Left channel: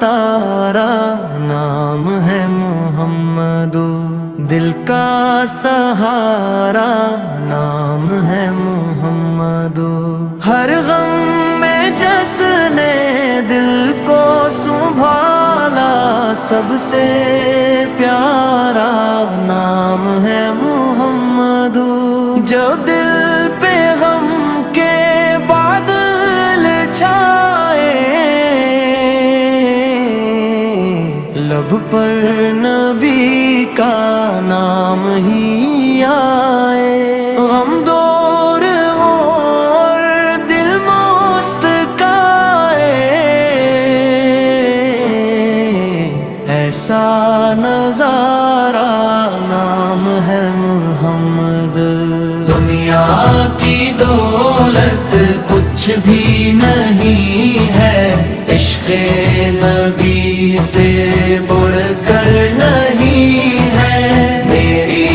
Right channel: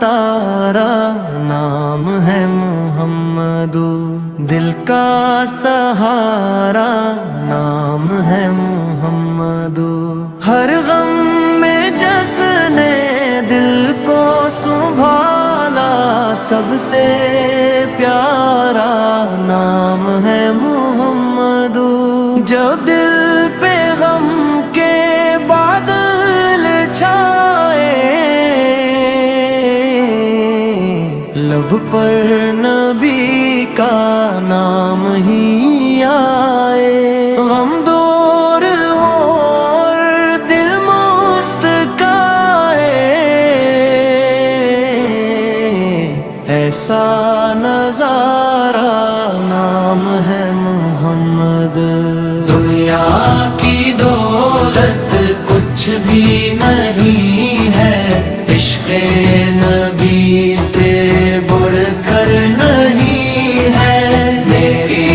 तारा नाम है मोहम्मद, दिल का सहारा नाम है मोहम्मद। हर गम में जिसने दिल को संभाला, सबसे प्यारा नाम है मोहम्मद। जब दिल पे गम के बादल छाए, लब पर नबी का नाम ही आए। गम दूर और दिल मुस्काए, ऐसा नजारा नाम है मोहम्मद। दुनिया की दौलत कुछ भी नहीं है, इश्क़े नबी से बढ़कर नहीं है। मेरी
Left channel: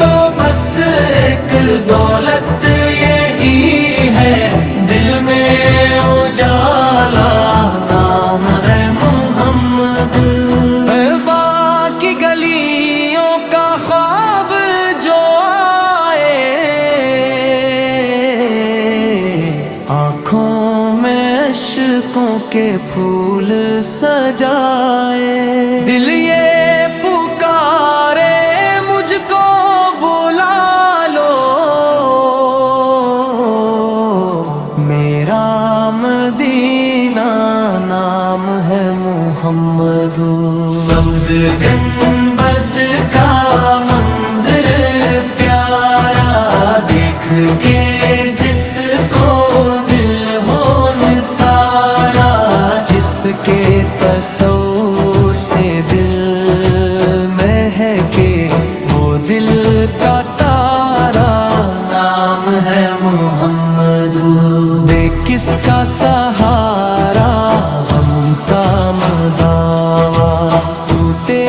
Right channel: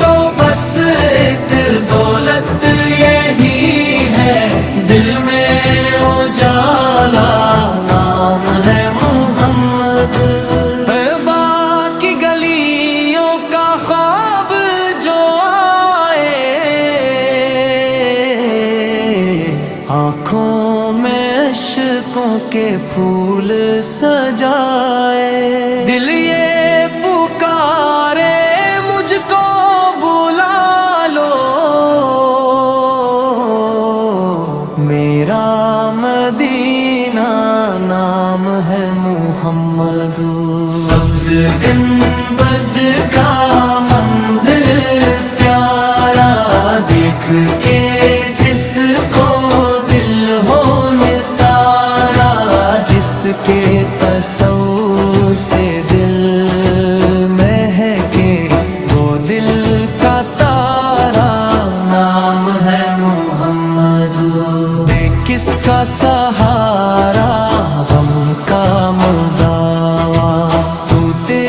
तो बस एक दौलत यही है, दिल में उजाला नाम है मोहम्मद। तौबा की गलियों का ख्वाब जो आए, आँखों में इश्कों के फूल सजाए। दिल ये पुकारे मुझको बुला लो, मेरा मदीना नाम है मोहम्मद। सब्ज़ गुंबद का मंज़र प्यारा, देख के जिसको दिल हो निसारा, जिसके तसव्वुर से दिल महके, वो दिल का तारा नाम है मोहम्मद। बे किसका सहारा गम का मदावा, टूटे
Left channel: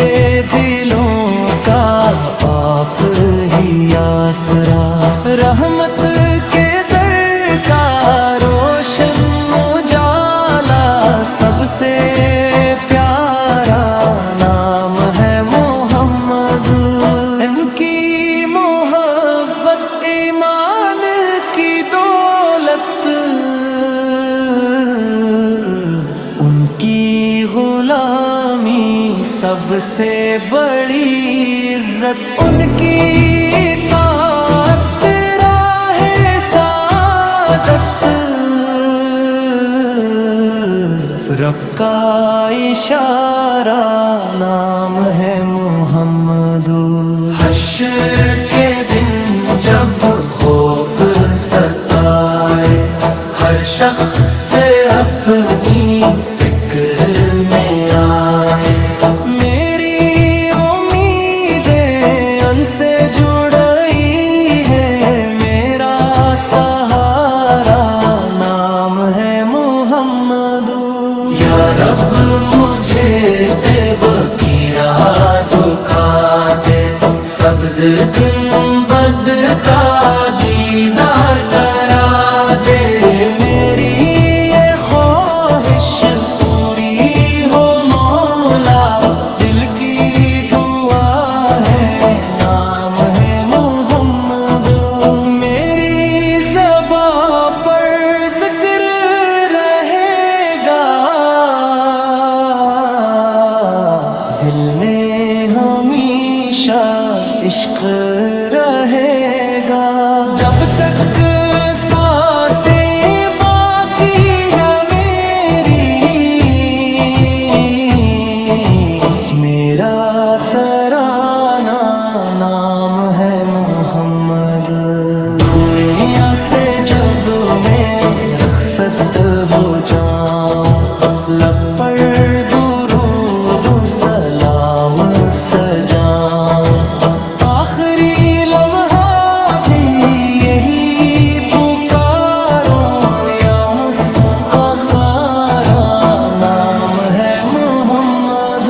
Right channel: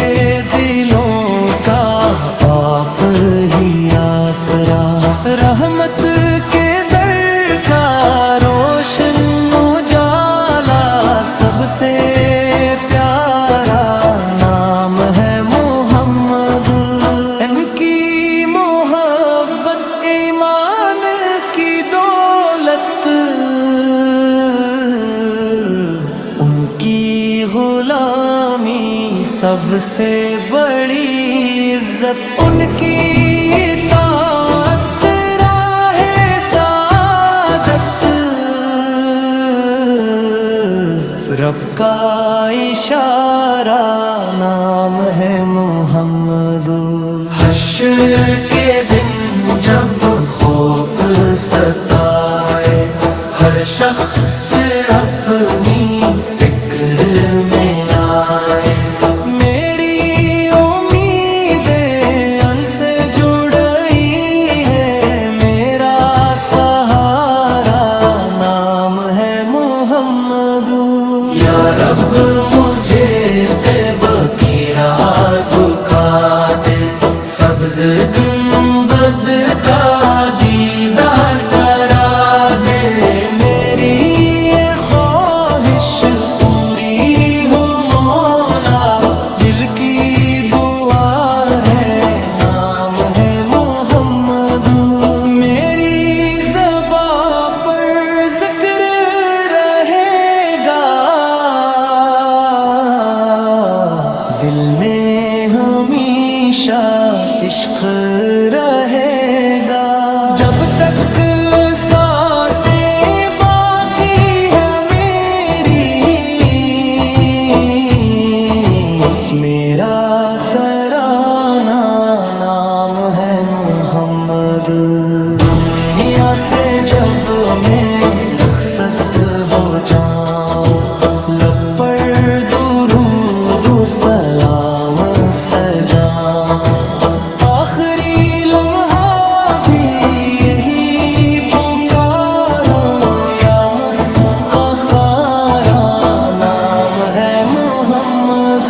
दिलों का आप ही आसरा। रहमत के दर का रोशन उजाला, सबसे प्यारा नाम है मोहम्मद। इनकी मोहब्बत ईमान की दौलत, उनकी गुलामी सबसे बड़ी इज्जत। उनकी इताअत राहे सादत, रब का इशारा नाम है मोहम्मद। हश्र के दिन जब खौफ सताए, हर शख्स से अपनी फिक्र में आए। मेरी उम्मीदें उनसे जुड़ी है, मेरा सहारा नाम है मोहम्मद। या रब मुझे बेबकी राह दिखा दे, सब्ज़ गुंबद का दीदार करा दे। मेरी ये ख्वाहिश पूरी हो मौला, दिल की दुआ है नाम है मोहम्मद। मेरी ज़बां पर ज़िक्र रहेगा, दिल में हमेशा इश्क रहेगा। जब तक सांसें बाकी है मेरी, मेरा तराना नाम है मोहम्मद। दुनिया से जब मैं रखसत हो जाऊं, लब पर दुरूद सलाम सजाऊं। आखिरी लम्हा भी यही पुकारूं, या मुस्तफारा नाम है मोहम्मद।